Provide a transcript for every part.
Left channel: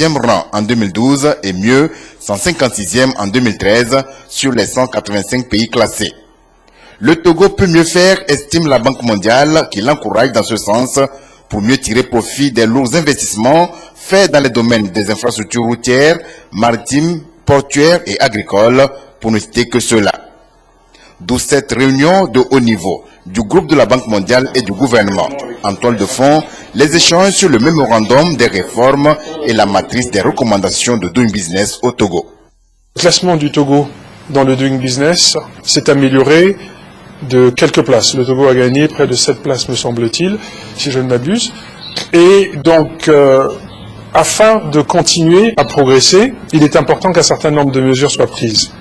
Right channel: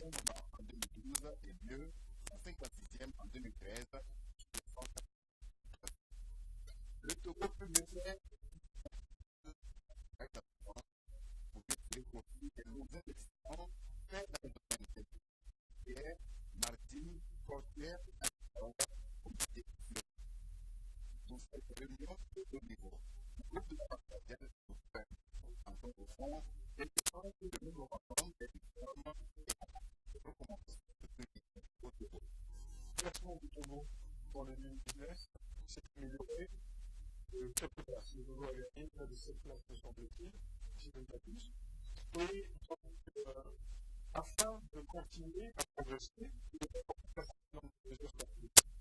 112e rang en 2012 et mieux 156e en 2013 sur les 185 pays classés. Le Togo peut mieux faire, estime la Banque mondiale, qui l'encourage dans ce sens pour mieux tirer profit des lourds investissements faits dans les domaines des infrastructures routières, maritimes, portuaires et agricoles, pour ne citer que cela. D'où cette réunion de haut niveau du groupe de la Banque mondiale et du gouvernement. En toile de fond, les échanges sur le mémorandum des réformes et la matrice des recommandations de Doing Business au Togo. Le classement du Togo dans le Doing Business s'est amélioré de quelques places. Le Togo a gagné près de 7 places, me semble-t-il, si je ne m'abuse. Et donc, afin de continuer à progresser, il est important qu'un certain nombre de mesures soient prises.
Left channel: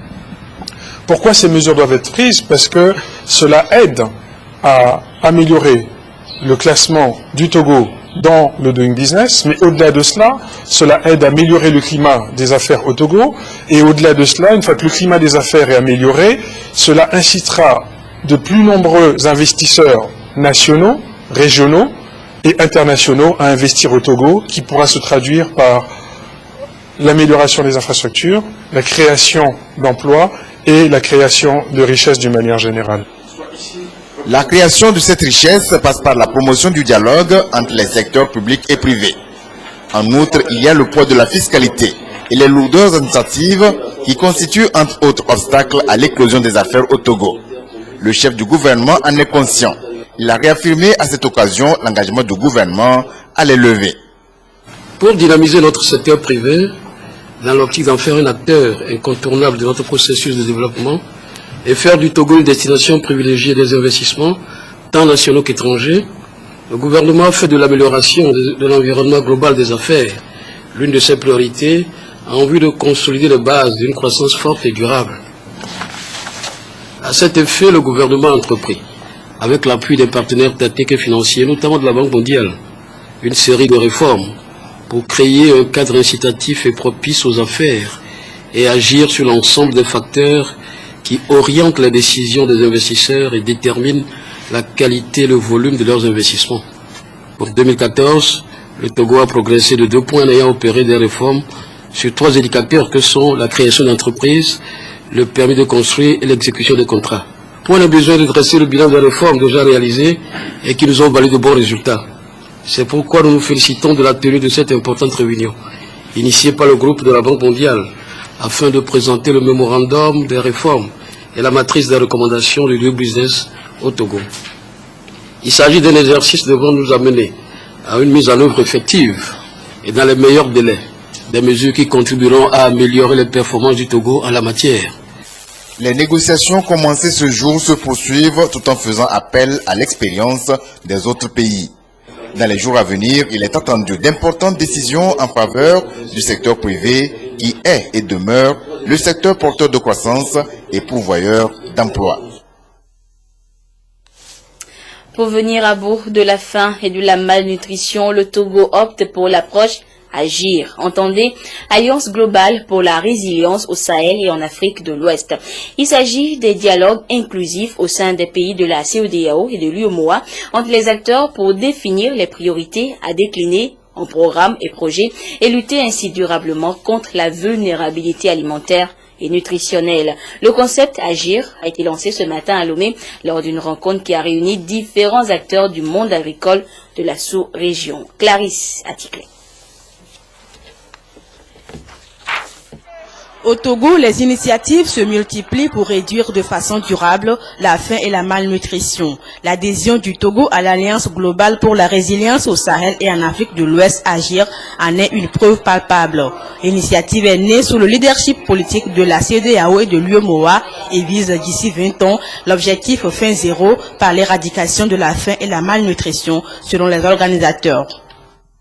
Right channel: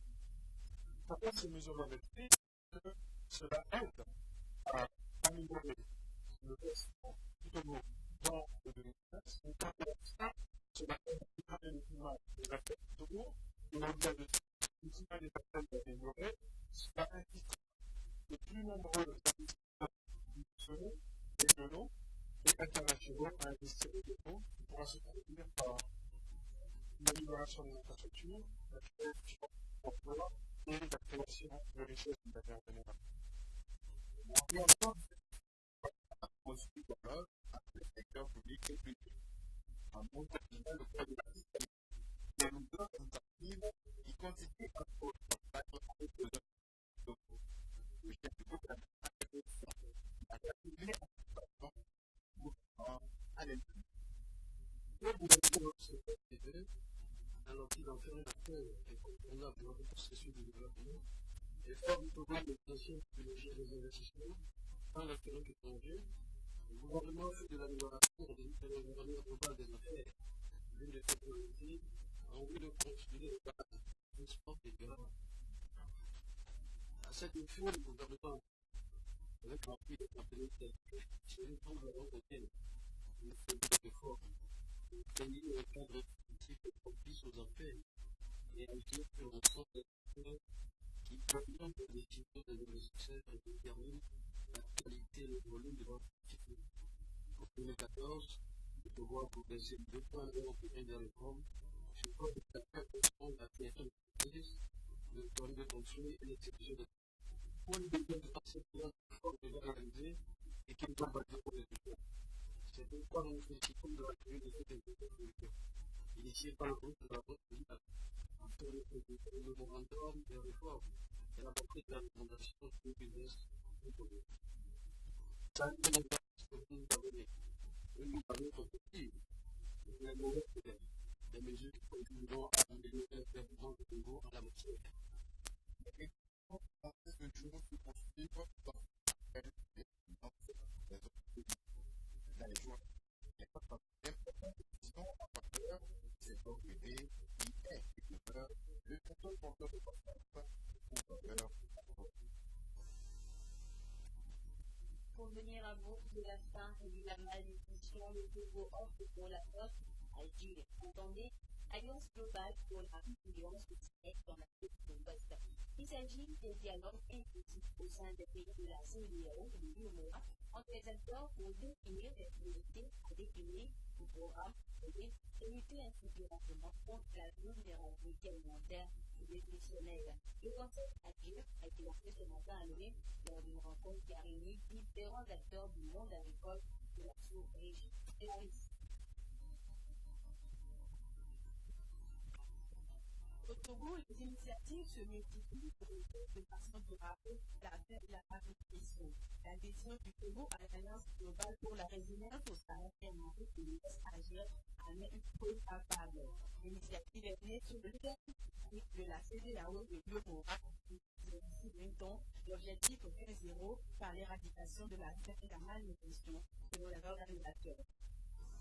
Pourquoi ces mesures doivent être prises? Parce que cela aide à améliorer le classement du Togo dans le Doing Business, mais au-delà de cela, cela aide à améliorer le climat des affaires au Togo, et au-delà de cela, une fois que le climat des affaires est amélioré, cela incitera de plus nombreux investisseurs nationaux, régionaux et internationaux à investir au Togo, qui pourra se traduire par l'amélioration des infrastructures, la création d'emplois et la création de richesses d'une manière générale. La création de cette richesse passe par la promotion du dialogue entre les secteurs publics et privés. En outre, il y a le poids de la fiscalité et les lourdeurs administratives qui constituent entre autres obstacles à l'éclosion des affaires au Togo. Le chef du gouvernement en est conscient. Il a réaffirmé à cette occasion l'engagement du gouvernement à les lever. Pour dynamiser notre secteur privé, dans l'optique d'en faire un acteur incontournable de notre processus de développement et faire du Togo une destination privilégiée des investissements, tant nationaux qu'étrangers, le gouvernement a fait de l'amélioration de l'environnement global des affaires l'une de ses priorités en vue de consolider les bases d'une croissance forte et durable. À cet effet, le gouvernement a entrepris, avec l'appui des partenaires techniques et financiers, notamment de la Banque mondiale, une série de réformes pour créer un cadre incitatif et propice aux affaires et agir sur l'ensemble des facteurs qui orientent les décisions des investisseurs et déterminent la qualité et le volume de leurs investissements. Pour 2014, le Togo a progressé de 2 points en ayant opéré des réformes sur 3 indicateurs que sont la création d'entreprises, le permis de construire et l'exécution des contrats. On a besoin de dresser le bilan des réformes déjà réalisées et qui nous ont valu de bons résultats. C'est pourquoi nous nous félicitons de la tenue de cette importante réunion, initiée par le groupe de la Banque mondiale, afin de présenter le mémorandum des réformes et la matrice des recommandations du Doing Business au Togo. Il s'agit d'un exercice devant nous amener à une mise en œuvre effective et dans les meilleurs délais, des mesures qui contribueront à améliorer les performances du Togo en la matière. Les négociations commencées ce jour se poursuivent tout en faisant appel à l'expérience des autres pays. Dans les jours à venir, il est attendu d'importantes décisions en faveur du secteur privé qui est et demeure le secteur porteur de croissance et pourvoyeur d'emplois. Pour venir à bout de la faim et de la malnutrition, le Togo opte pour l'approche Agir. Entendez, Alliance globale pour la résilience au Sahel et en Afrique de l'Ouest. Il s'agit des dialogues inclusifs au sein des pays de la CEDEAO et de l'UEMOA entre les acteurs pour définir les priorités à décliner en programmes et projets et lutter ainsi durablement contre la vulnérabilité alimentaire et nutritionnelle. Le concept Agir a été lancé ce matin à Lomé lors d'une rencontre qui a réuni différents acteurs du monde agricole de la sous-région. Clarisse Aticlé. Au Togo, les initiatives se multiplient pour réduire de façon durable la faim et la malnutrition. L'adhésion du Togo à l'Alliance globale pour la résilience au Sahel et en Afrique de l'Ouest, Agir, en est une preuve palpable. L'initiative est née sous le leadership politique de la CEDEAO et de l'UEMOA et vise d'ici 20 ans l'objectif fin zéro par l'éradication de la faim et la malnutrition selon les organisateurs.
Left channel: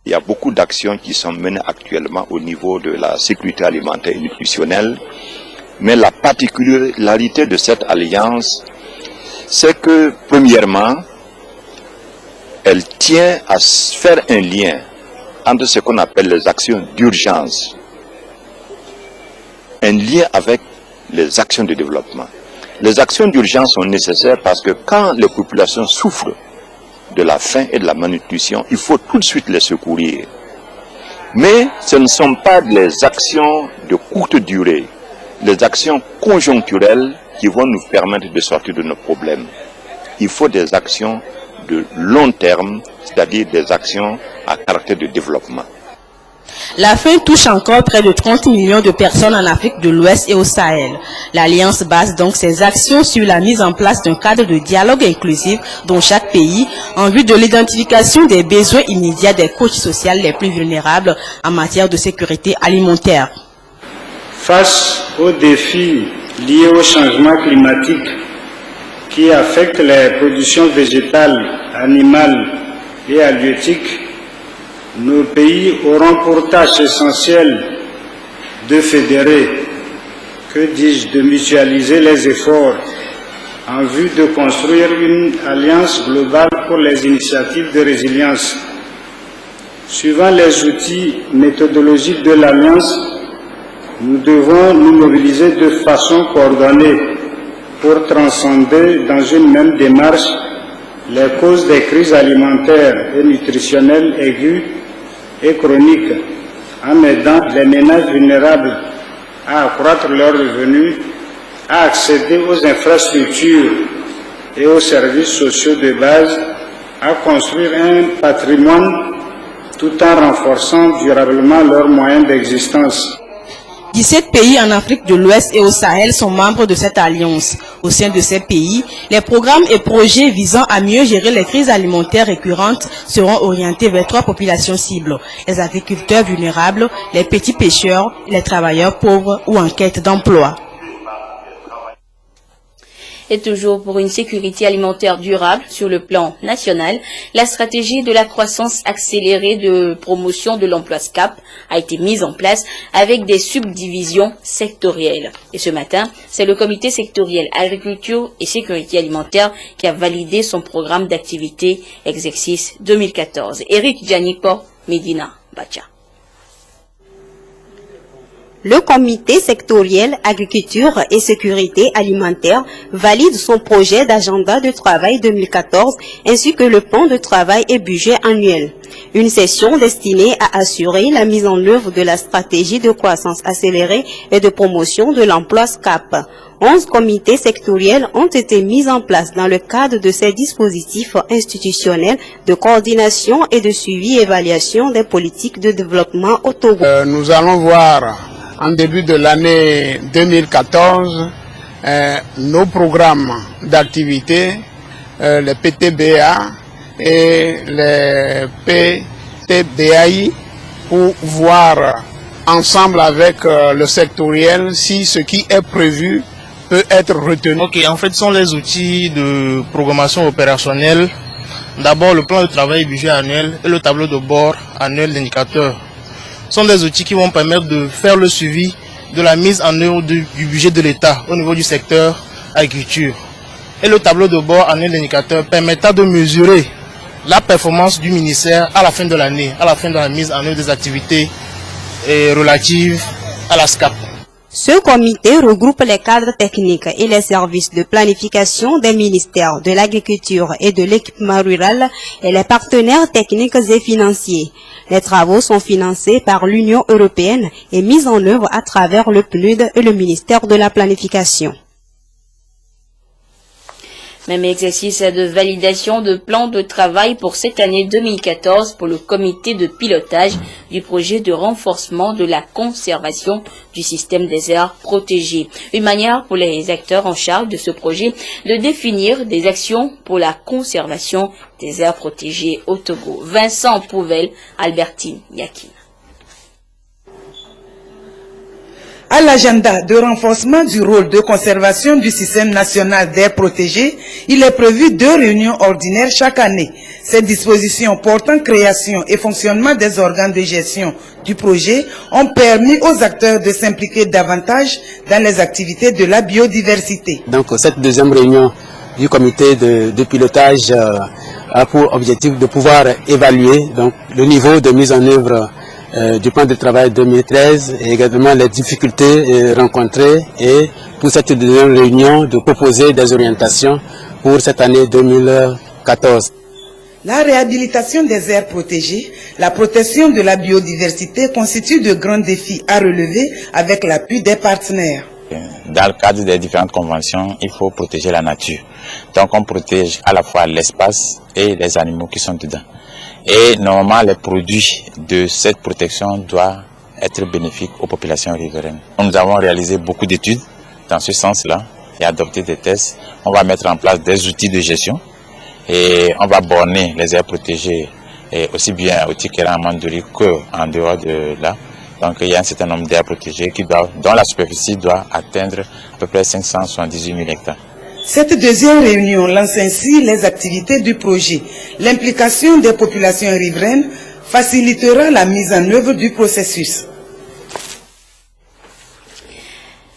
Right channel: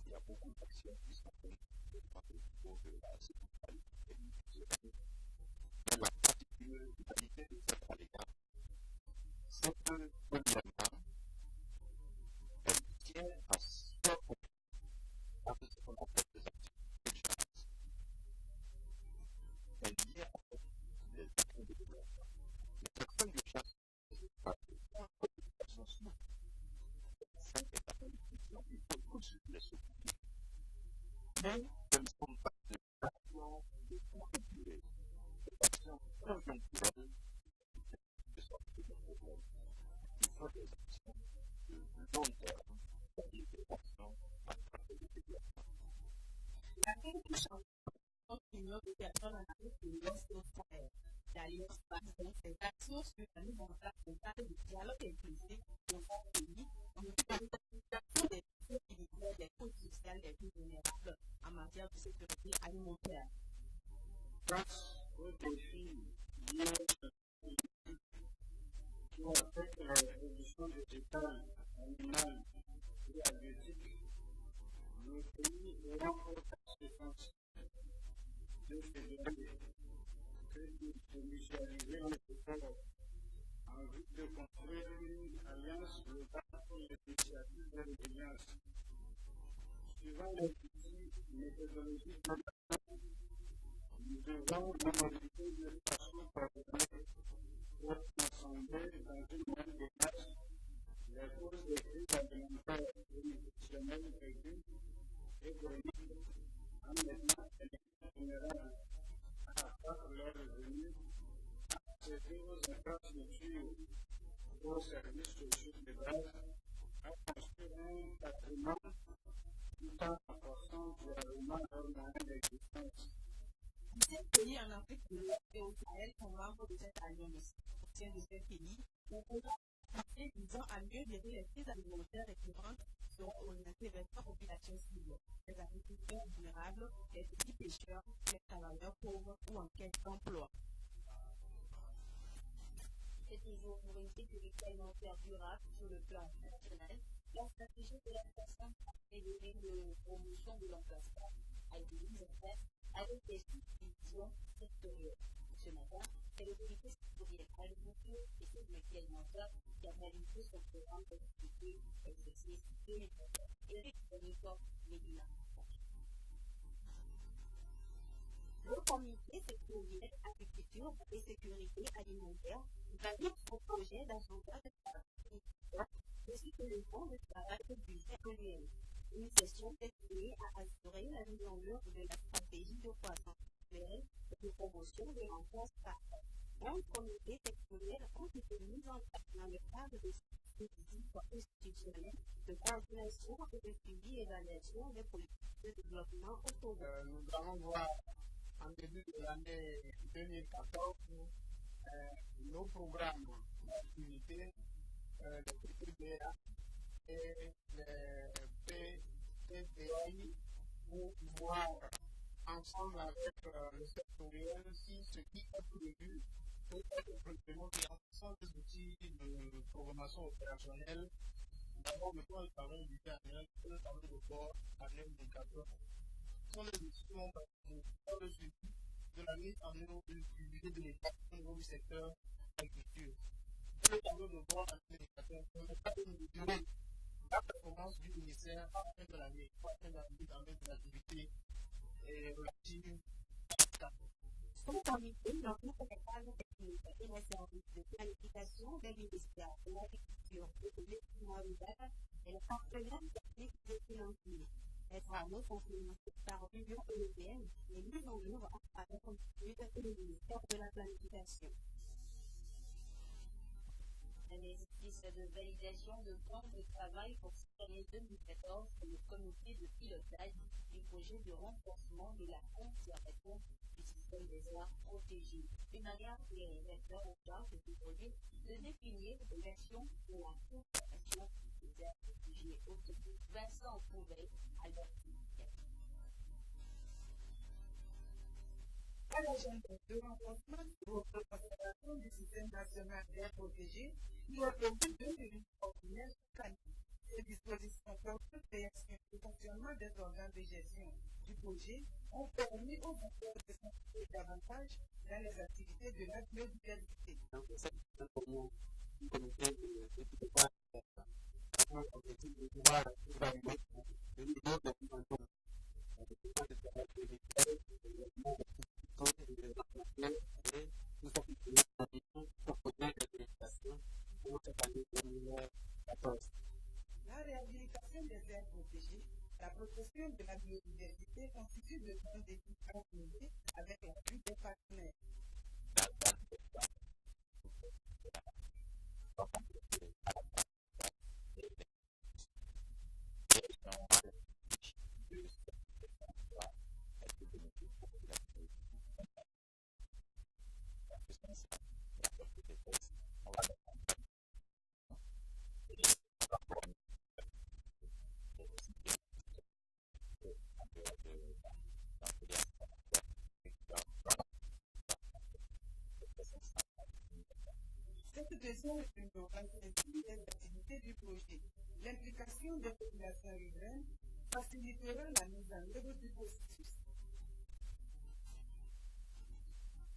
Il y a beaucoup d'actions qui sont menées actuellement au niveau de la sécurité alimentaire et nutritionnelle. Mais la particularité de cette alliance, c'est que, premièrement, elle tient à faire un lien entre ce qu'on appelle les actions d'urgence, un lien avec les actions de développement. Les actions d'urgence sont nécessaires parce que quand les populations souffrent de la faim et de la malnutrition, il faut tout de suite les secourir. Mais ce ne sont pas les actions de courte durée, les actions conjoncturelles qui vont nous permettre de sortir de nos problèmes. Il faut des actions de long terme, c'est-à-dire des actions à caractère de développement. La faim touche encore près de 30 millions de personnes en Afrique de l'Ouest et au Sahel. L'Alliance base donc ses actions sur la mise en place d'un cadre de dialogue inclusif dans chaque pays en vue de l'identification des besoins immédiats des couches sociales les plus vulnérables en matière de sécurité alimentaire. Face aux défis liés au changement climatique qui affectent les productions végétales, animales et halieutiques, nos pays auront pour tâche essentielle de fédérer, de mutualiser les efforts en vue de construire une alliance globale pour les initiatives de résilience. Suivant les outils méthodologiques de l'alliance, nous devons nous mobiliser de façon coordonnée pour transcender dans une même démarche les causes des crises alimentaires et nutritionnelles aiguës et chroniques, en aidant les ménages vulnérables à accroître leurs revenus, à accéder aux infrastructures et aux services sociaux de base, à construire un patrimoine tout en renforçant durablement leurs moyens d'existence. 17 pays en Afrique de l'Ouest et au Sahel sont membres de cette alliance. Au sein de ces pays, les programmes et projets visant à mieux gérer les crises alimentaires récurrentes seront orientés vers 3 populations cibles: les agriculteurs vulnérables, les petits pêcheurs, les travailleurs pauvres ou en quête d'emploi. Et toujours pour une sécurité alimentaire durable sur le plan national, la stratégie de la croissance accélérée de promotion de l'emploi SCAP a été mise en place avec des subdivisions sectorielles. Et ce matin, c'est le comité sectoriel agriculture et sécurité alimentaire qui a validé son programme d'activité exercice 2014. Eric Djanipo, Medina Bacha. Le comité sectoriel agriculture et sécurité alimentaire valide son projet d'agenda de travail 2014 ainsi que le plan de travail et budget annuel. Une session destinée à assurer la mise en œuvre de la stratégie de croissance accélérée et de promotion de l'emploi SCAP. 11 comités sectoriels ont été mis en place dans le cadre de ces dispositifs institutionnels de coordination et de suivi et évaluation des politiques de développement au Togo. Nous allons voir en début de l'année 2014, nos programmes d'activité, les PTBA et les PTBAI, pour voir ensemble avec le sectoriel si ce qui est prévu peut être retenu. Ok, en fait, ce sont les outils de programmation opérationnelle. D'abord, le plan de travail budget annuel et le tableau de bord annuel d'indicateurs. Sont des outils qui vont permettre de faire le suivi de la mise en œuvre du budget de l'État au niveau du secteur agriculture. Et le tableau de bord annuel d'indicateurs permettra de mesurer la performance du ministère à la fin de l'année, à la fin de la mise en œuvre des activités relatives à la SCAP. Ce comité regroupe les cadres techniques et les services de planification des ministères de l'Agriculture et de l'Équipement rural et les partenaires techniques et financiers. Les travaux sont financés par l'Union européenne et mis en œuvre à travers le PNUD et le ministère de la Planification. Même exercice de validation de plan de travail pour cette année 2014 pour le comité de pilotage du projet de renforcement de la conservation du système des aires protégées. Une manière pour les acteurs en charge de ce projet de définir des actions pour la conservation des aires protégées au Togo. Vincent Pouvel, Albertine Yakin. À l'agenda de renforcement du rôle de conservation du système national d'air protégé, il est prévu 2 réunions ordinaires chaque année. Ces dispositions portant création et fonctionnement des organes de gestion du projet ont permis aux acteurs de s'impliquer davantage dans les activités de la biodiversité. Donc cette deuxième réunion du comité de pilotage a pour objectif de pouvoir évaluer donc, le niveau de mise en œuvre du plan de travail 2013 et également les difficultés rencontrées et pour cette deuxième réunion de proposer des orientations pour cette année 2014. La réhabilitation des aires protégées, la protection de la biodiversité constituent de grands défis à relever avec l'appui des partenaires. Dans le cadre des différentes conventions, il faut protéger la nature. Donc on protège à la fois l'espace et les animaux qui sont dedans. Et normalement, les produits de cette protection doivent être bénéfiques aux populations riveraines. Nous avons réalisé beaucoup d'études dans ce sens-là et adopté des tests. On va mettre en place des outils de gestion et on va borner les aires protégées et aussi bien au Tikera en Mandoury qu'en dehors de là. Donc il y a un certain nombre d'aires protégées dont la superficie doit atteindre à peu près 578 000 hectares. Cette deuxième réunion lance ainsi les activités du projet. L'implication des populations riveraines facilitera la mise en œuvre du processus.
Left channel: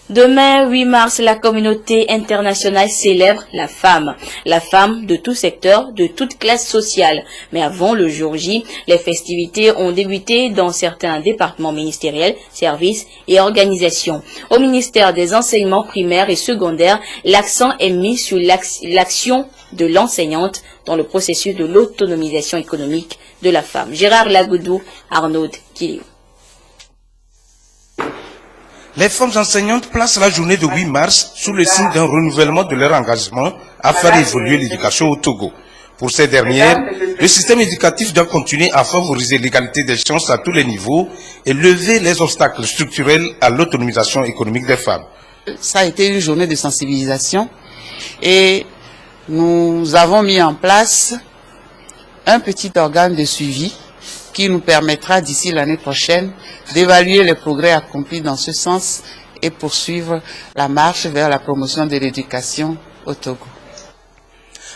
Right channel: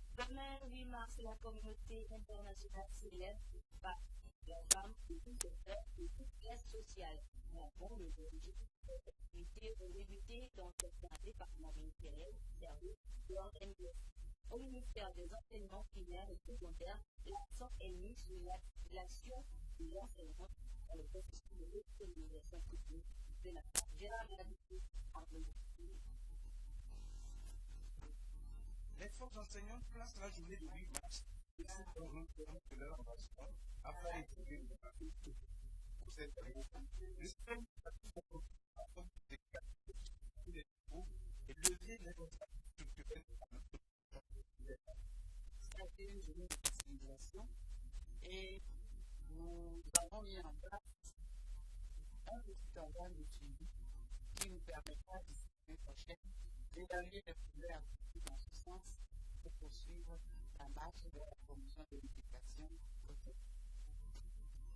Demain, 8 mars, la communauté internationale célèbre la femme de tout secteur, de toute classe sociale. Mais avant le jour J, les festivités ont débuté dans certains départements ministériels, services et organisations. Au ministère des enseignements primaires et secondaires, l'accent est mis sur l'action de l'enseignante dans le processus de l'autonomisation économique de la femme. Gérard Lagoudou, Arnaud Killiou. Les femmes enseignantes placent la journée de 8 mars sous le signe d'un renouvellement de leur engagement à faire évoluer l'éducation au Togo. Pour ces dernières, le système éducatif doit continuer à favoriser l'égalité des chances à tous les niveaux et lever les obstacles structurels à l'autonomisation économique des femmes. Ça a été une journée de sensibilisation et nous avons mis en place un petit organe de suivi qui nous permettra d'ici l'année prochaine d'évaluer les progrès accomplis dans ce sens et poursuivre la marche vers la promotion de l'éducation au Togo.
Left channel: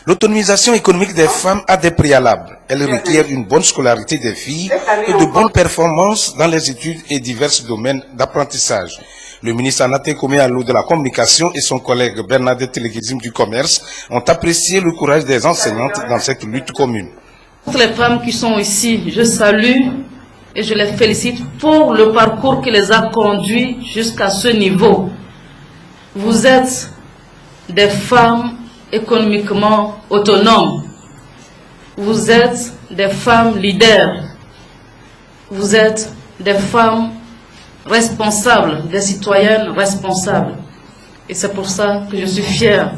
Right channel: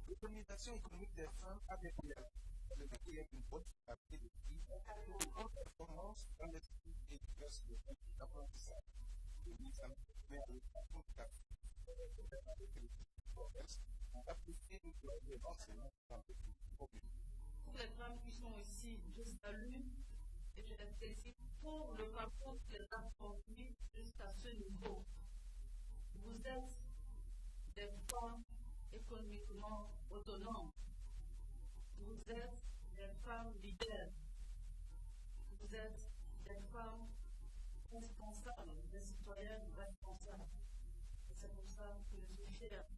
L'autonomisation économique des femmes a des préalables. Elle requiert une bonne scolarité des filles et de bonnes performances dans les études et divers domaines d'apprentissage. Le ministre Anaté Koméalo de la Communication et son collègue Bernadette Leguizim du Commerce ont apprécié le courage des enseignantes dans cette lutte commune. Toutes les femmes qui sont ici, je salue et je les félicite pour le parcours qui les a conduits jusqu'à ce niveau. Vous êtes des femmes économiquement autonomes. Vous êtes des femmes leaders. Vous êtes des femmes responsables, des citoyennes responsables. Et c'est pour ça que je suis fière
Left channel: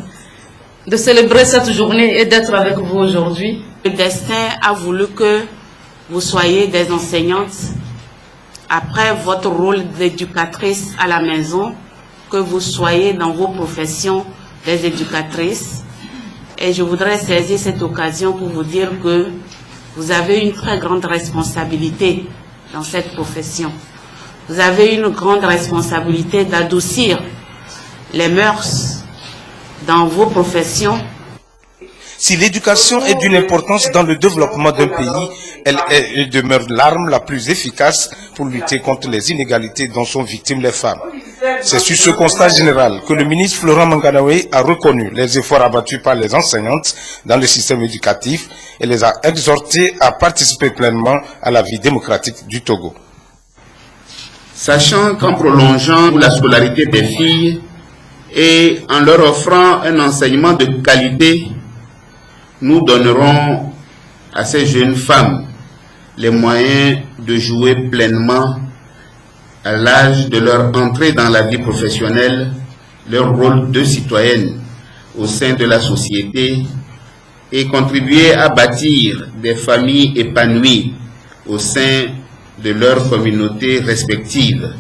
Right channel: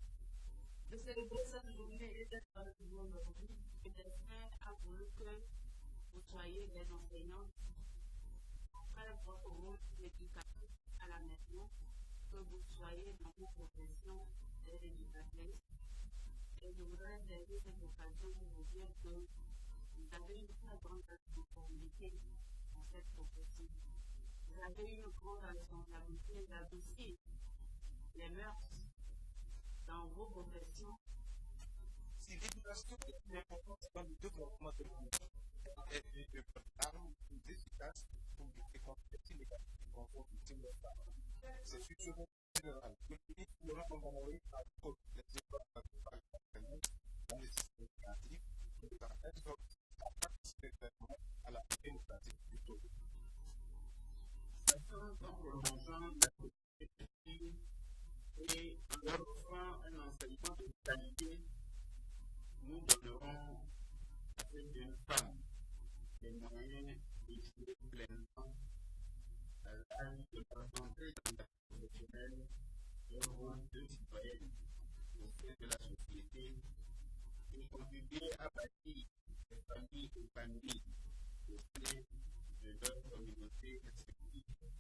de célébrer cette journée et d'être avec vous aujourd'hui. Le destin a voulu que vous soyez des enseignantes après votre rôle d'éducatrice à la maison, que vous soyez dans vos professions des éducatrices. Et je voudrais saisir cette occasion pour vous dire que vous avez une très grande responsabilité dans cette profession. Vous avez une grande responsabilité d'adoucir les mœurs dans vos professions. Si l'éducation est d'une importance dans le développement d'un pays, elle demeure l'arme la plus efficace pour lutter contre les inégalités dont sont victimes les femmes. C'est sur ce constat général que le ministre Florent Manganawe a reconnu les efforts abattus par les enseignantes dans le système éducatif et les a exhortées à participer pleinement à la vie démocratique du Togo. Sachant qu'en prolongeant la scolarité des filles et en leur offrant un enseignement de qualité, nous donnerons à ces jeunes femmes les moyens de jouer pleinement à l'âge de leur entrée dans la vie professionnelle, leur rôle de citoyenne au sein de la société et contribuer à bâtir des familles épanouies au sein de leurs communautés respectives.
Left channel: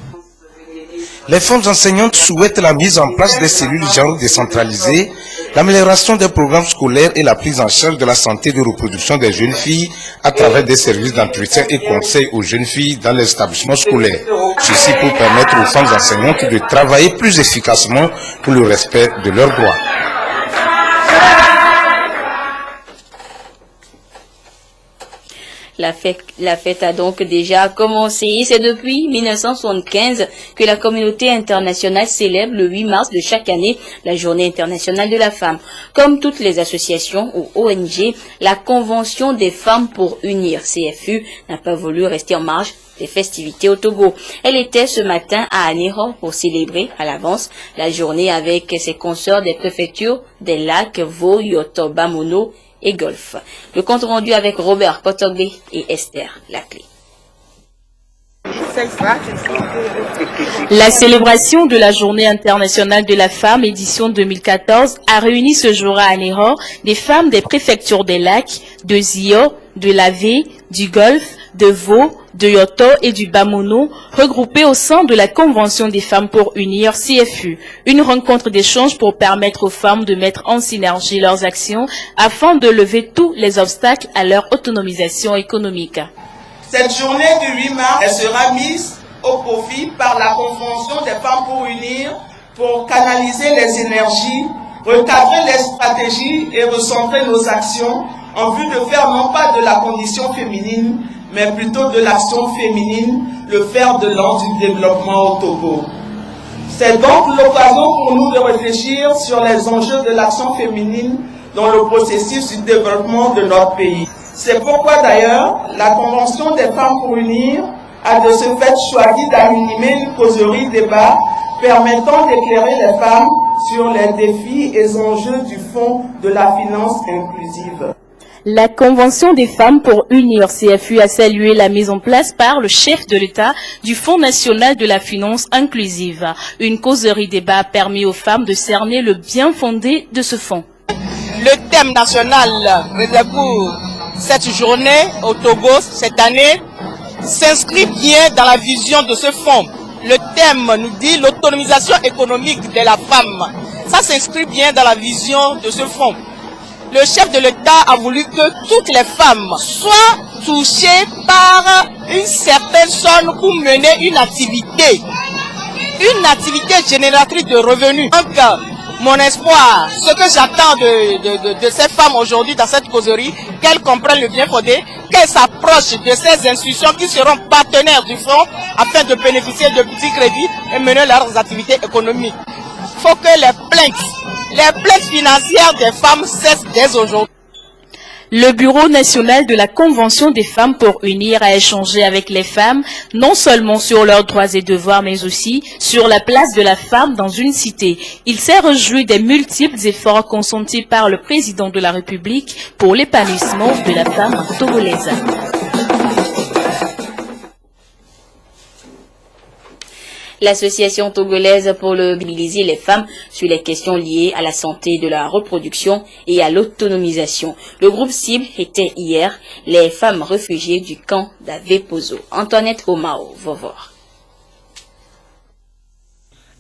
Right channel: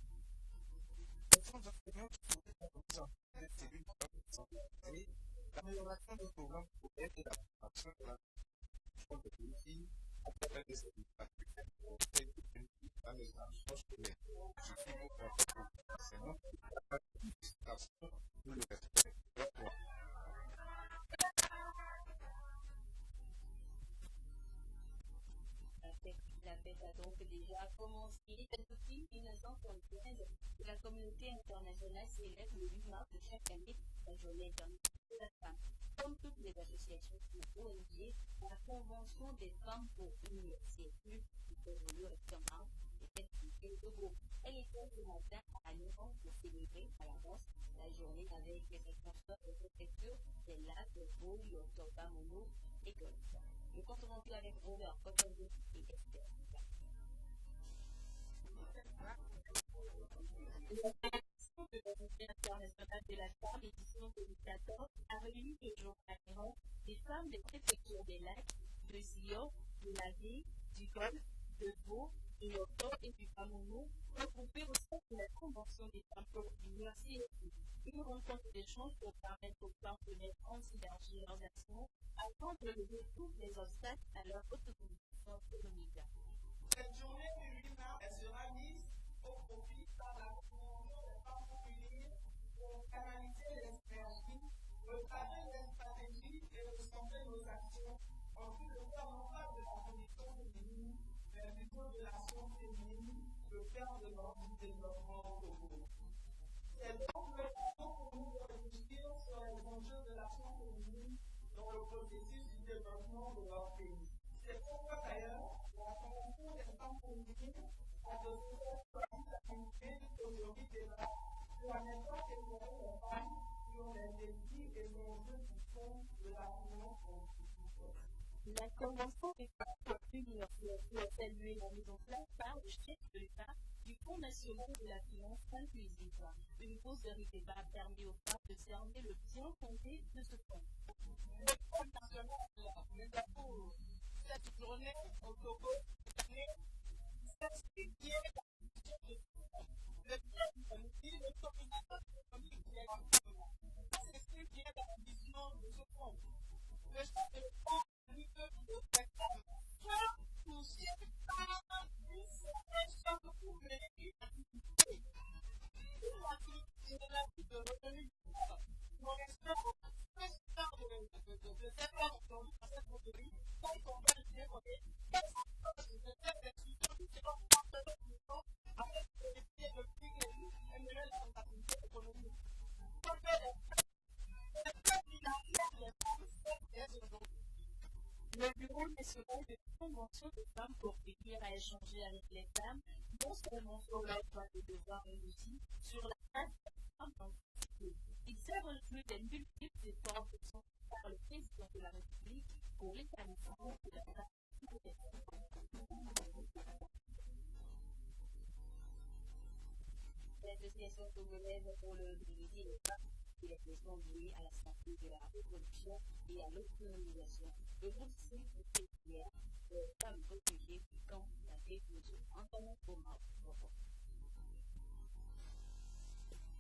Les femmes enseignantes souhaitent la mise en place des cellules genre décentralisées, l'amélioration des programmes scolaires et la prise en charge de la santé de reproduction des jeunes filles à travers des services d'entretien et conseils aux jeunes filles dans les établissements scolaires. Ceci pour permettre aux femmes enseignantes de travailler plus efficacement pour le respect de leurs droits. La fête a donc déjà commencé. C'est depuis 1975 que la communauté internationale célèbre le 8 mars de chaque année la Journée internationale de la femme. Comme toutes les associations ou ONG, la Convention des femmes pour unir, CFU, n'a pas voulu rester en marge des festivités au Togo. Elle était ce matin à Anéro pour célébrer à l'avance la journée avec ses consoeurs des préfectures des lacs Vo, Yoto, Bamono et golf. Le compte rendu avec Robert Potogbe et Esther Laclé. La célébration de la Journée internationale de la femme, édition 2014, a réuni ce jour à Anéro des femmes des préfectures des Lacs, de Zio, de Lavé, du Golfe, de Vaud, de Yoto et du Bamono, regroupées au sein de la Convention des femmes pour unir CFU, une rencontre d'échange pour permettre aux femmes de mettre en synergie leurs actions afin de lever tous les obstacles à leur autonomisation économique. Cette journée du 8 mars, elle sera mise au profit par la Convention des femmes pour unir, pour canaliser les énergies, recadrer les stratégies et recentrer nos actions en vue de faire non pas de la condition féminine, mais plutôt de l'action féminine, le fer de lance du développement au Togo. C'est donc l'occasion pour nous de réfléchir sur les enjeux de l'action féminine dans le processus du développement de notre pays. C'est pourquoi d'ailleurs, la Convention des femmes pour unir a de ce fait choisi d'animer une causerie débat permettant d'éclairer les femmes sur les défis et enjeux du Fonds de la finance inclusive. La Convention des femmes pour unir CFU a salué la mise en place par le chef de l'État du Fonds national de la finance inclusive. Une causerie débat a permis aux femmes de cerner le bien fondé de ce fonds. Le thème national réservé pour cette journée au Togo cette année s'inscrit bien dans la vision de ce fonds. Le thème nous dit l'autonomisation économique de la femme. Ça s'inscrit bien dans la vision de ce fonds. Le chef de l'État a voulu que toutes les femmes soient touchées par une certaine somme pour mener une activité génératrice de revenus. Donc, mon espoir, ce que j'attends de ces femmes aujourd'hui dans cette causerie, qu'elles comprennent le bien fondé, qu'elles s'approchent de ces institutions qui seront partenaires du fonds afin de bénéficier de petits crédits et mener leurs activités économiques. Il faut que les plaintes financières des femmes cessent dès aujourd'hui. Le Bureau national de la Convention des femmes pour unir a échangé avec les femmes, non seulement sur leurs droits et devoirs, mais aussi sur la place de la femme dans une cité. Il s'est réjoui des multiples efforts consentis par le président de la République pour l'épanouissement de la femme togolaise. L'Association togolaise pour mobiliser les femmes sur les questions liées à la santé de la reproduction et à l'autonomisation. Le groupe cible était hier les femmes réfugiées du camp d'Avepozo. Antoinette Omao, Vovor.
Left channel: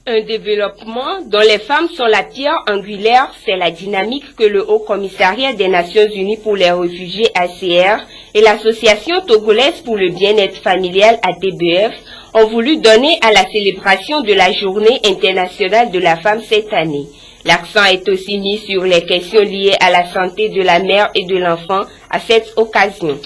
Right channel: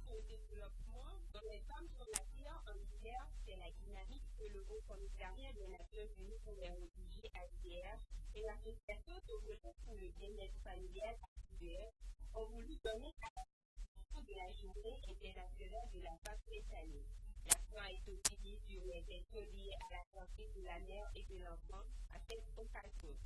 Un développement dont les femmes sont la pierre angulaire, c'est la dynamique que le Haut Commissariat des Nations Unies pour les réfugiés ACR et l'Association togolaise pour le bien-être familial ATBF ont voulu donner à la célébration de la Journée internationale de la femme cette année. L'accent est aussi mis sur les questions liées à la santé de la mère et de l'enfant à cette occasion.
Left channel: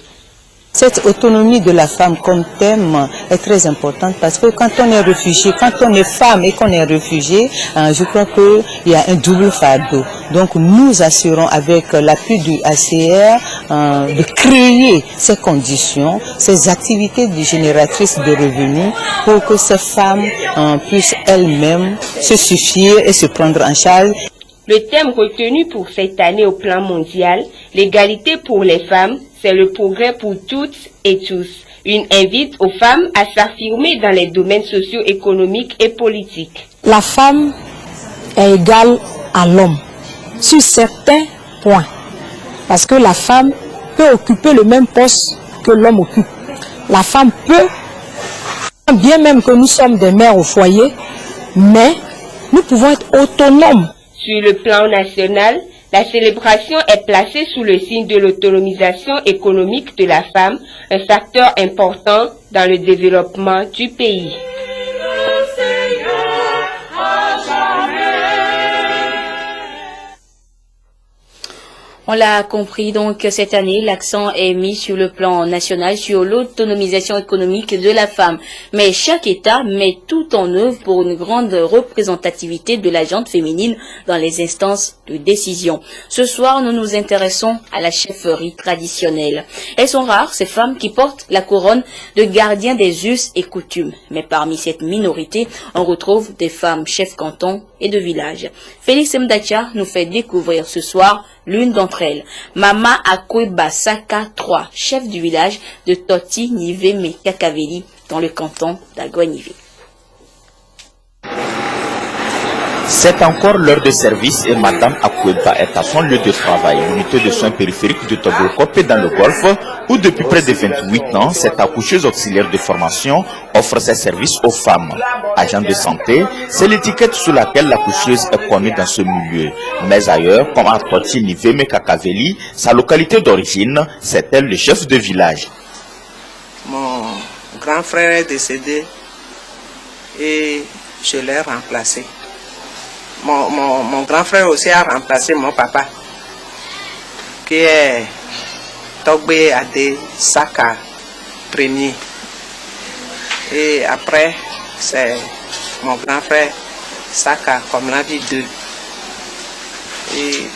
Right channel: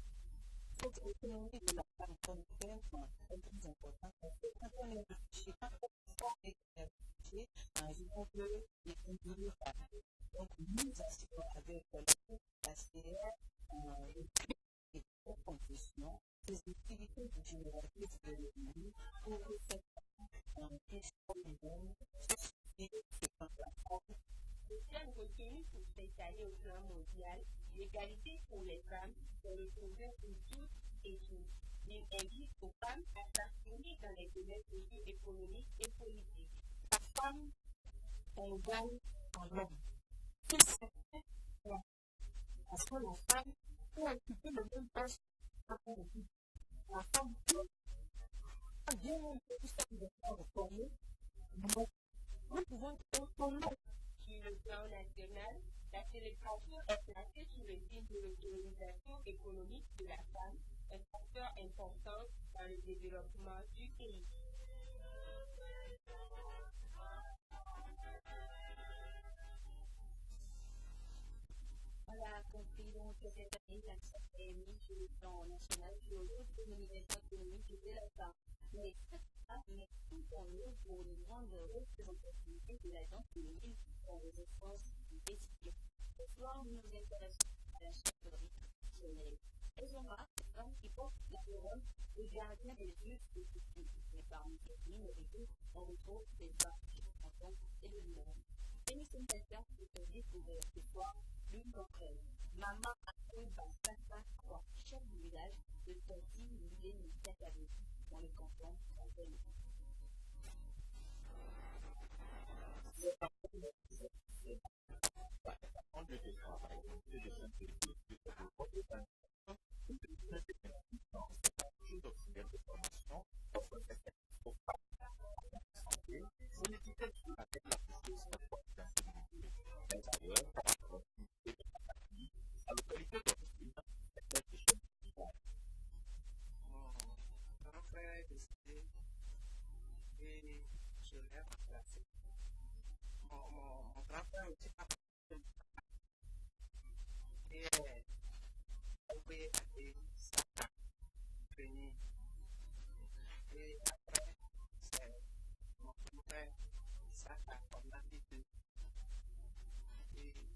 Cette autonomie de la femme comme thème est très importante parce que quand on est réfugié, quand on est femme et qu'on est réfugié, je crois qu'il y a un double fardeau. Donc nous assurons avec l'appui du ACR de créer ces conditions, ces activités génératrices de revenus pour que ces femmes puissent elles-mêmes se suffire et se prendre en charge. Le thème retenu pour cette année au plan mondial, l'égalité pour les femmes, c'est le progrès pour toutes et tous. Une invite aux femmes à s'affirmer dans les domaines socio-économiques et politiques. La femme est égale à l'homme sur certains points. Parce que la femme peut occuper le même poste que l'homme occupe. La femme peut, bien même que nous sommes des mères au foyer, mais nous pouvons être autonomes. Sur le plan national, la célébration est placée sous le signe de l'autonomisation économique de la femme, un facteur important dans le développement du pays. On l'a compris, donc cette année, l'accent est mis sur le plan national sur l'autonomisation économique de la femme. Mais chaque État met tout en œuvre pour une grande représentativité de la gente féminine dans les instances de décision. Ce soir, nous nous intéressons à la chefferie traditionnelle. Elles sont rares, ces femmes qui portent la couronne de gardiens des us et coutumes. Mais parmi cette minorité, on retrouve des femmes chefs cantons et de village. Félix Mdacha nous fait découvrir ce soir l'une d'entre elles. Mama Akwe Basaka 3, chef du village de Toti Niveme Kakaveli dans le canton d'Agouanivé. C'est encore l'heure de service et Madame Akweba est à son lieu de travail, l'unité de soins périphériques de Togo-Kopé dans le Golfe, où depuis près de 28 ans, cette accoucheuse auxiliaire de formation offre ses services aux femmes. Agent de santé, c'est l'étiquette sous laquelle l'accoucheuse est connue dans ce milieu. Mais ailleurs, comme à Toti Niveme Kakaveli, sa localité d'origine, c'est elle le chef de village. Mon grand frère est décédé et je l'ai remplacé. Mon grand frère aussi a remplacé mon papa, qui est Togbe Ade Saka premier. Et après, c'est mon grand frère Saka, comme l'a dit, 2. Et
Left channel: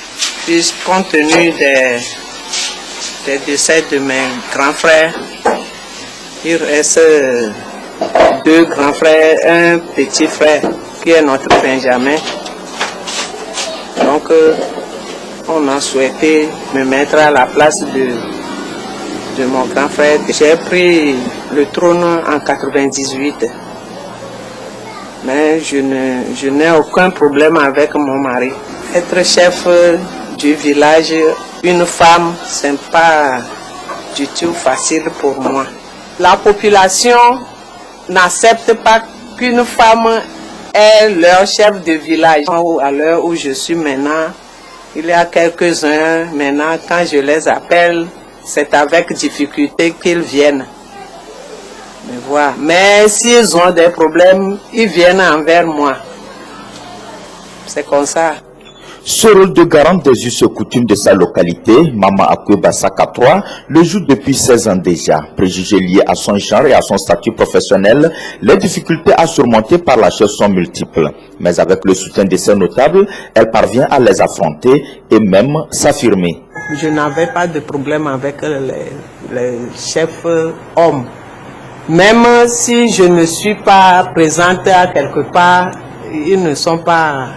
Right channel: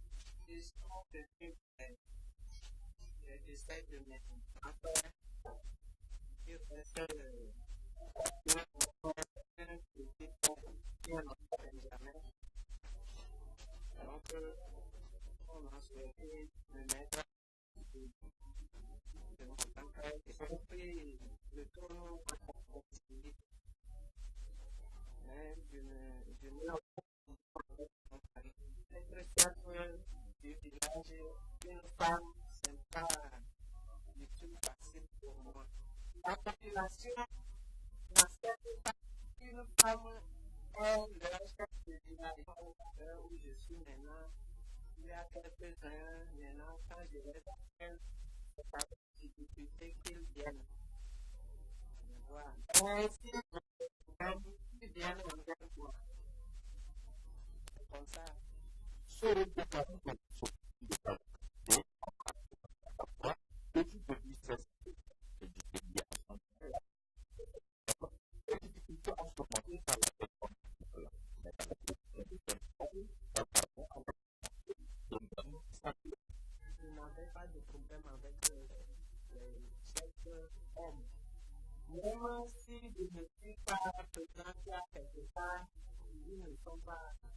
puis, compte tenu des décès de mes grands frères, il reste 2 grands frères, un petit frère, qui est notre Benjamin. Donc, on a souhaité me mettre à la place de mon grand frère. J'ai pris le trône en 98. Mais je n'ai aucun problème avec mon mari. Être chef du village, une femme, ce n'est pas du tout facile pour moi. La population n'accepte pas qu'une femme est leur chef de village. À l'heure où je suis maintenant, il y a quelques-uns maintenant, quand je les appelle, c'est avec difficulté qu'ils viennent me voir. Mais s'ils ont des problèmes, ils viennent envers moi. C'est comme ça. Ce rôle de garante des us et coutumes de sa localité, Mama Akwe Basaka 3, le joue depuis 16 ans déjà. Préjugés liés à son genre et à son statut professionnel, les difficultés à surmonter par la chaise sont multiples. Mais avec le soutien de ses notables, elle parvient à les affronter et même s'affirmer. Je n'avais pas de problème avec les chefs hommes. Même si je ne suis pas présente à quelque part, ils ne sont pas...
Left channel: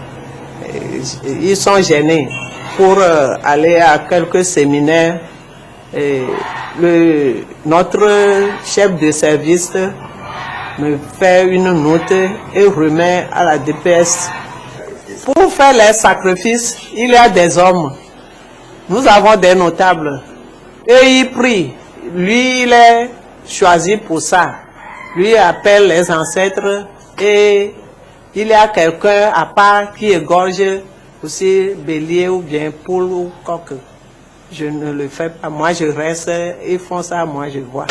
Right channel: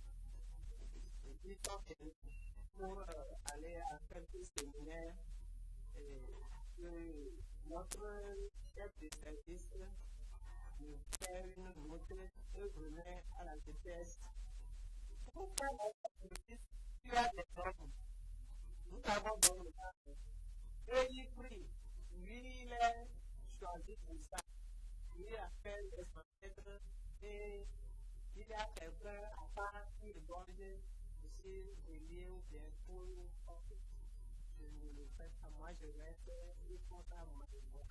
Ils sont gênés pour aller à quelques séminaires. Et notre chef de service me fait une note et remet à la DPS. Pour faire les sacrifices, il y a des hommes. Nous avons des notables. Et ils prient. Lui, il est choisi pour ça. Lui appelle les ancêtres et il y a quelqu'un à part qui égorge aussi bélier ou bien poule ou coq. Je ne le fais pas. Moi, je reste, ils font ça, moi, je vois.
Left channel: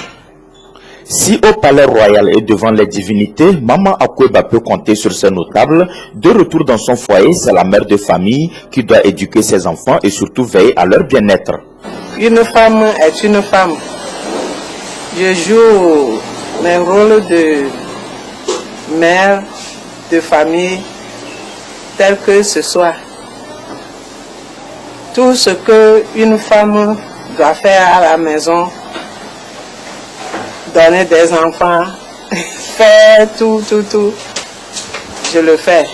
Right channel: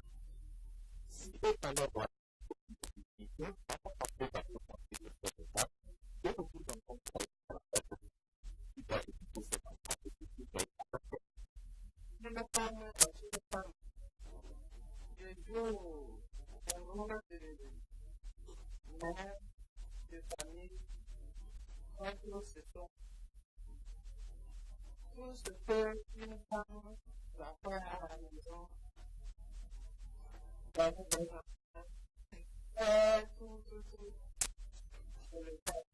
Si au palais royal et devant les divinités, Maman Akweba peut compter sur ses notables, de retour dans son foyer, c'est la mère de famille qui doit éduquer ses enfants et surtout veiller à leur bien-être. Une femme est une femme. Je joue mes rôles de mère, de famille, tel que ce soit. Tout ce qu'une femme doit faire à la maison, donner des enfants, faire tout, je le fais.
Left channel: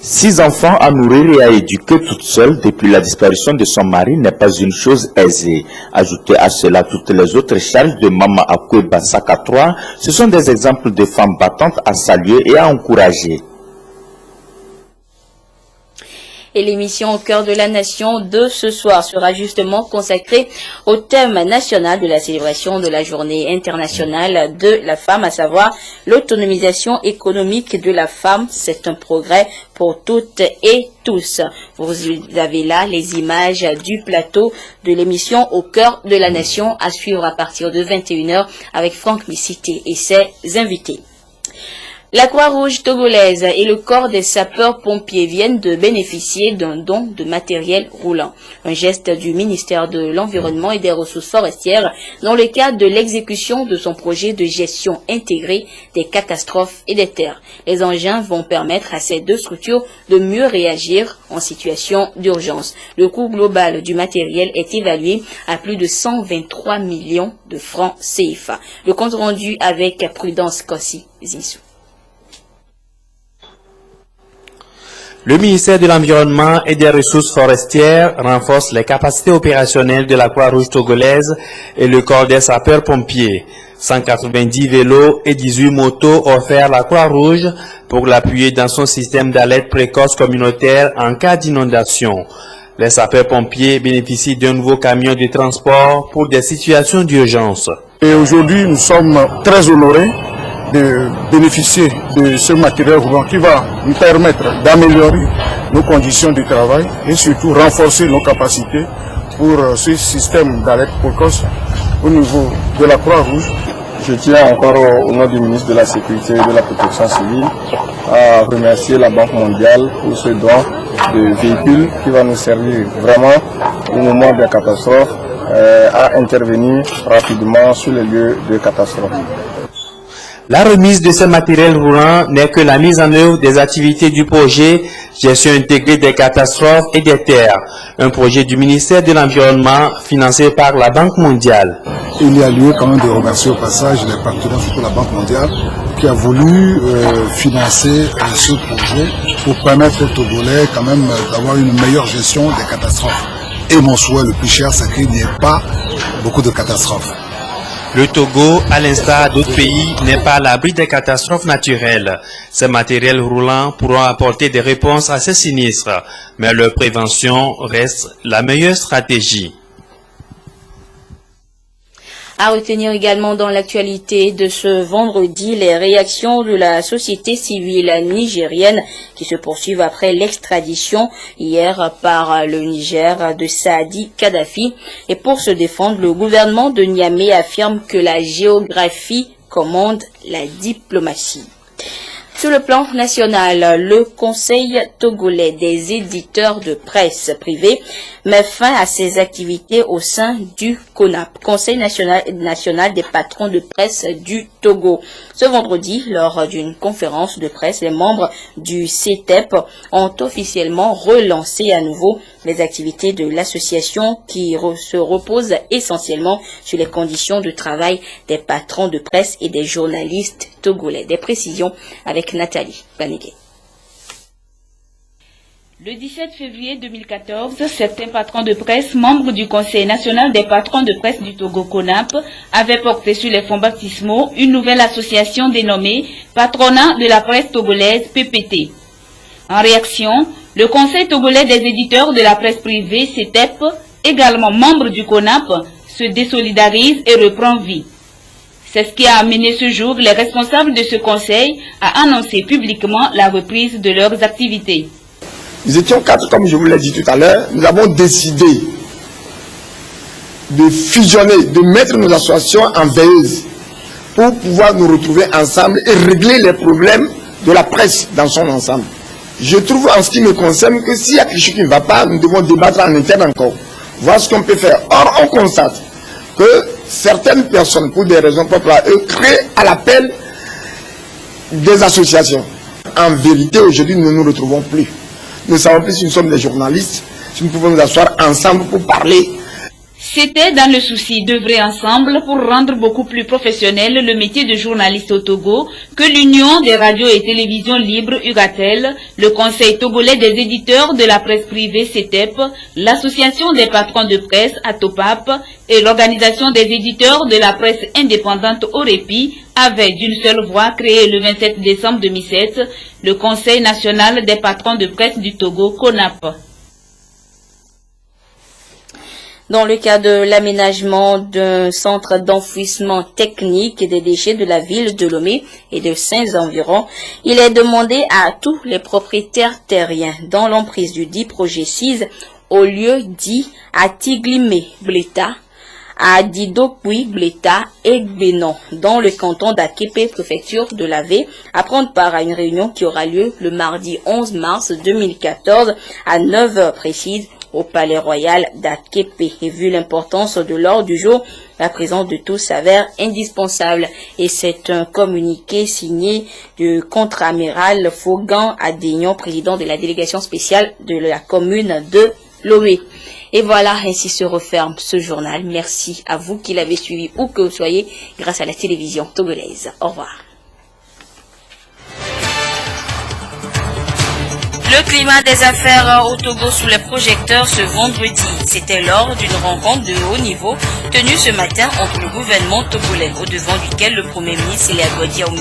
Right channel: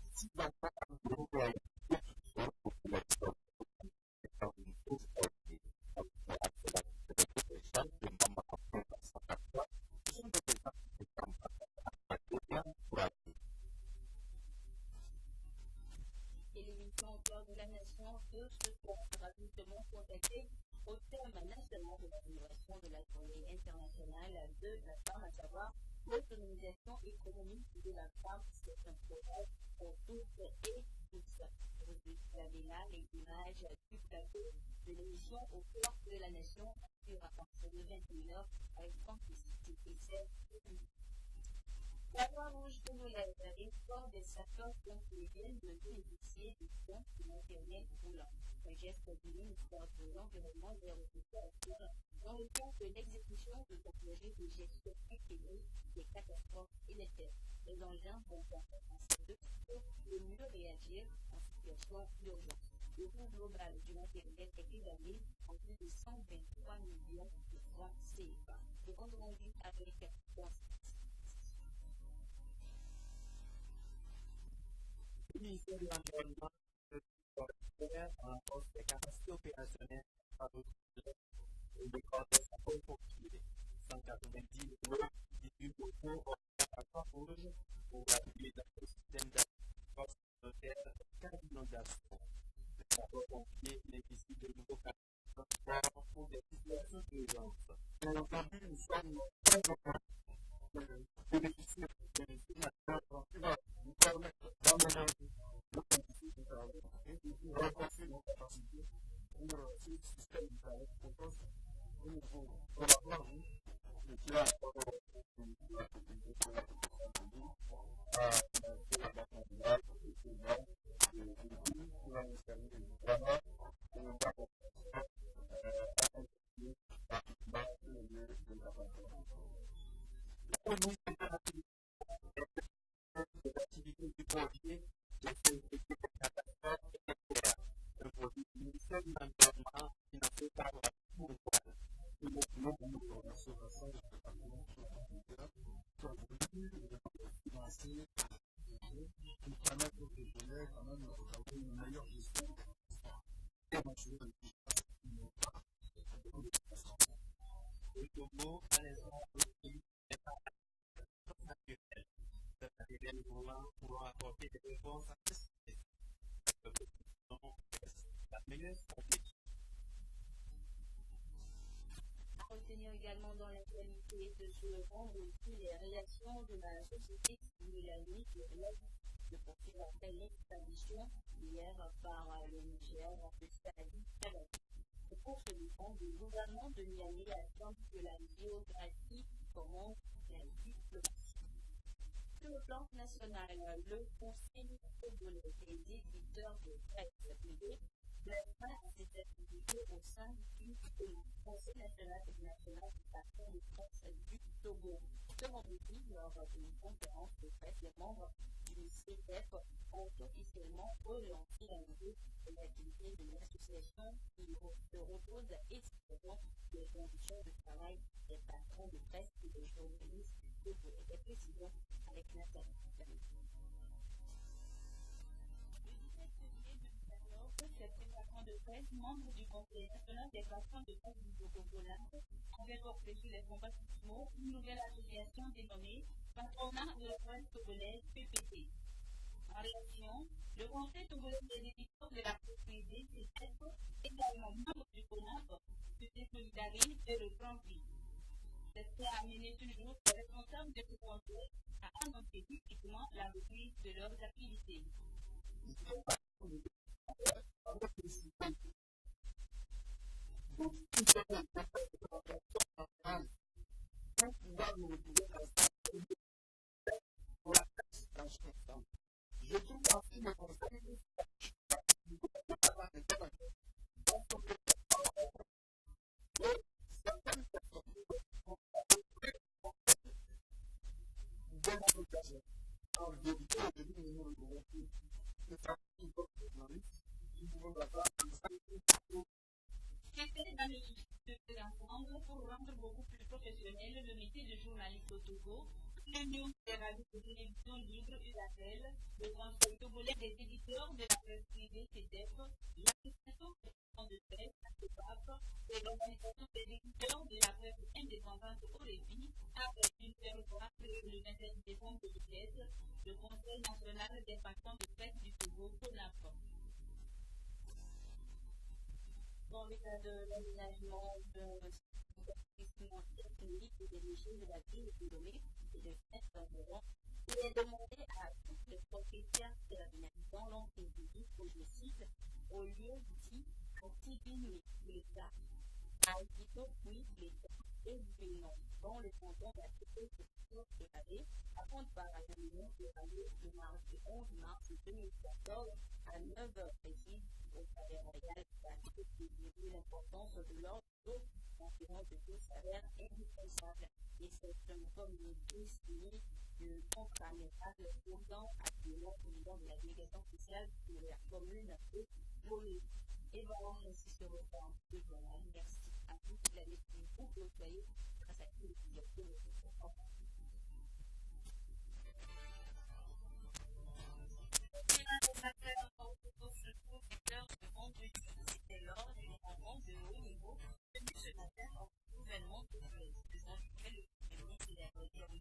6 enfants à nourrir et à éduquer toute seule depuis la disparition de son mari n'est pas une chose aisée. Ajoutez à cela toutes les autres charges de Mama Akwe Basaka 3, ce sont des exemples de femmes battantes à saluer et à encourager. Et l'émission Au cœur de la nation de ce soir sera justement consacrée au thème national de la célébration de la journée internationale de la femme, à savoir l'autonomisation économique de la femme. C'est un progrès pour toutes et tous. Vous avez là les images du plateau de l'émission Au cœur de la nation à suivre à partir de 21h avec Franck Missité et ses invités. La Croix-Rouge togolaise et le corps des sapeurs-pompiers viennent de bénéficier d'un don de matériel roulant. Un geste du ministère de l'Environnement et des Ressources forestières dans le cadre de l'exécution de son projet de gestion intégrée des catastrophes et des terres. Les engins vont permettre à ces deux structures de mieux réagir en situation d'urgence. Le coût global du matériel est évalué à plus de 123 millions de francs CFA. Le compte rendu avec Prudence Kossi Zinsou. Le ministère de l'Environnement et des Ressources forestières renforce les capacités opérationnelles de la Croix-Rouge togolaise et le corps des sapeurs-pompiers. 190 vélos et 18 motos offerts à la Croix-Rouge pour l'appuyer dans son système d'alerte précoce communautaire en cas d'inondation. Les sapeurs-pompiers bénéficient d'un nouveau camion de transport pour des situations d'urgence. Et aujourd'hui, nous sommes très honorés de bénéficier de ce matériel roulant qui va nous permettre d'améliorer nos conditions de travail et surtout renforcer nos capacités pour ce système d'alerte précoce au niveau de la Croix-Rouge. Je tiens encore au nom du ministre de la Sécurité et de la Protection civile à remercier la Banque mondiale pour ce don de véhicules qui va nous servir vraiment au moment des catastrophes à intervenir rapidement sur les lieux de catastrophe. La remise de ce matériel roulant n'est que la mise en œuvre des activités du projet Gestion intégrée des catastrophes et des terres, un projet du ministère de l'Environnement financé par la Banque mondiale. Il y a lieu quand même de remercier au passage les partenaires, surtout la Banque mondiale, qui a voulu financer ce projet pour permettre aux Togolais quand même d'avoir une meilleure gestion des catastrophes. Et mon souhait le plus cher, c'est qu'il n'y ait pas beaucoup de catastrophes. Le Togo, à l'instar d'autres pays, n'est pas à l'abri des catastrophes naturelles. Ces matériels roulants pourront apporter des réponses à ces sinistres, mais leur prévention reste la meilleure stratégie. À retenir également dans l'actualité de ce vendredi, les réactions de la société civile nigérienne qui se poursuivent après l'extradition hier par le Niger de Saadi Kadhafi. Et pour se défendre, le gouvernement de Niamey affirme que la géographie commande la diplomatie. Sur le plan national, le Conseil togolais des éditeurs de presse privée met fin à ses activités au sein du CONAP, Conseil national des patrons de presse du Togo. Ce vendredi, lors d'une conférence de presse, les membres du CETEP ont officiellement relancé à nouveau les activités de l'association qui se repose essentiellement sur les conditions de travail des patrons de presse et des journalistes togolais. Des précisions avec Nathalie Panégué. Le 17 février 2014, certains patrons de presse, membres du Conseil national des patrons de presse du Togo CONAP, avaient porté sur les fonds baptismaux une nouvelle association dénommée Patronat de la presse togolaise PPT. En réaction, le Conseil togolais des éditeurs de la presse privée, CETEP, également membre du CONAP, se désolidarise et reprend vie. C'est ce qui a amené ce jour les responsables de ce conseil à annoncer publiquement la reprise de leurs activités. Nous étions 4, comme je vous l'ai dit tout à l'heure. Nous avons décidé de fusionner, de mettre nos associations en veilleuse pour pouvoir nous retrouver ensemble et régler les problèmes de la presse dans son ensemble. Je trouve en ce qui me concerne que s'il y a quelque chose qui ne va pas, nous devons débattre en interne encore, voir ce qu'on peut faire. Or, on constate que certaines personnes, pour des raisons propres à eux, créent à l'appel des associations. En vérité, aujourd'hui, nous ne nous retrouvons plus. Nous savons plus si nous sommes des journalistes, si nous pouvons nous asseoir ensemble pour parler. C'était dans le souci d'œuvrer ensemble pour rendre beaucoup plus professionnel le métier de journaliste au Togo que l'Union des radios et télévisions libres URATEL, le Conseil togolais des éditeurs de la presse privée CETEP, l'Association des patrons de presse ATOPAP et l'Organisation des éditeurs de la presse indépendante OREPI avaient d'une seule voix créé le 27 décembre 2007 le Conseil national des patrons de presse du Togo CONAP. Dans le cas de l'aménagement d'un centre d'enfouissement technique des déchets de la ville de Lomé et de ses environs, il est demandé à tous les propriétaires terriens dans l'emprise du dit projet 6 au lieu dit à Tiglimé Bleta, à Didopui Bleta et Bénon, dans le canton d'Aképe, préfecture de l'Avé, à prendre part à une réunion qui aura lieu le mardi 11 mars 2014 à 9h précises au Palais Royal d'Aképe. Et vu l'importance de l'ordre du jour, la présence de tous s'avère indispensable. Et c'est un communiqué signé du contre-amiral Fogan Adénion, président de la délégation spéciale de la commune de Lomé. Et voilà, ainsi se referme ce journal. Merci à vous qui l'avez suivi où que vous soyez grâce à la télévision togolaise. Au revoir. Le climat des affaires au Togo sous les projecteurs ce vendredi. C'était lors d'une rencontre de haut niveau tenue ce matin entre le gouvernement togolais, au devant duquel le Premier ministre Elia Goudia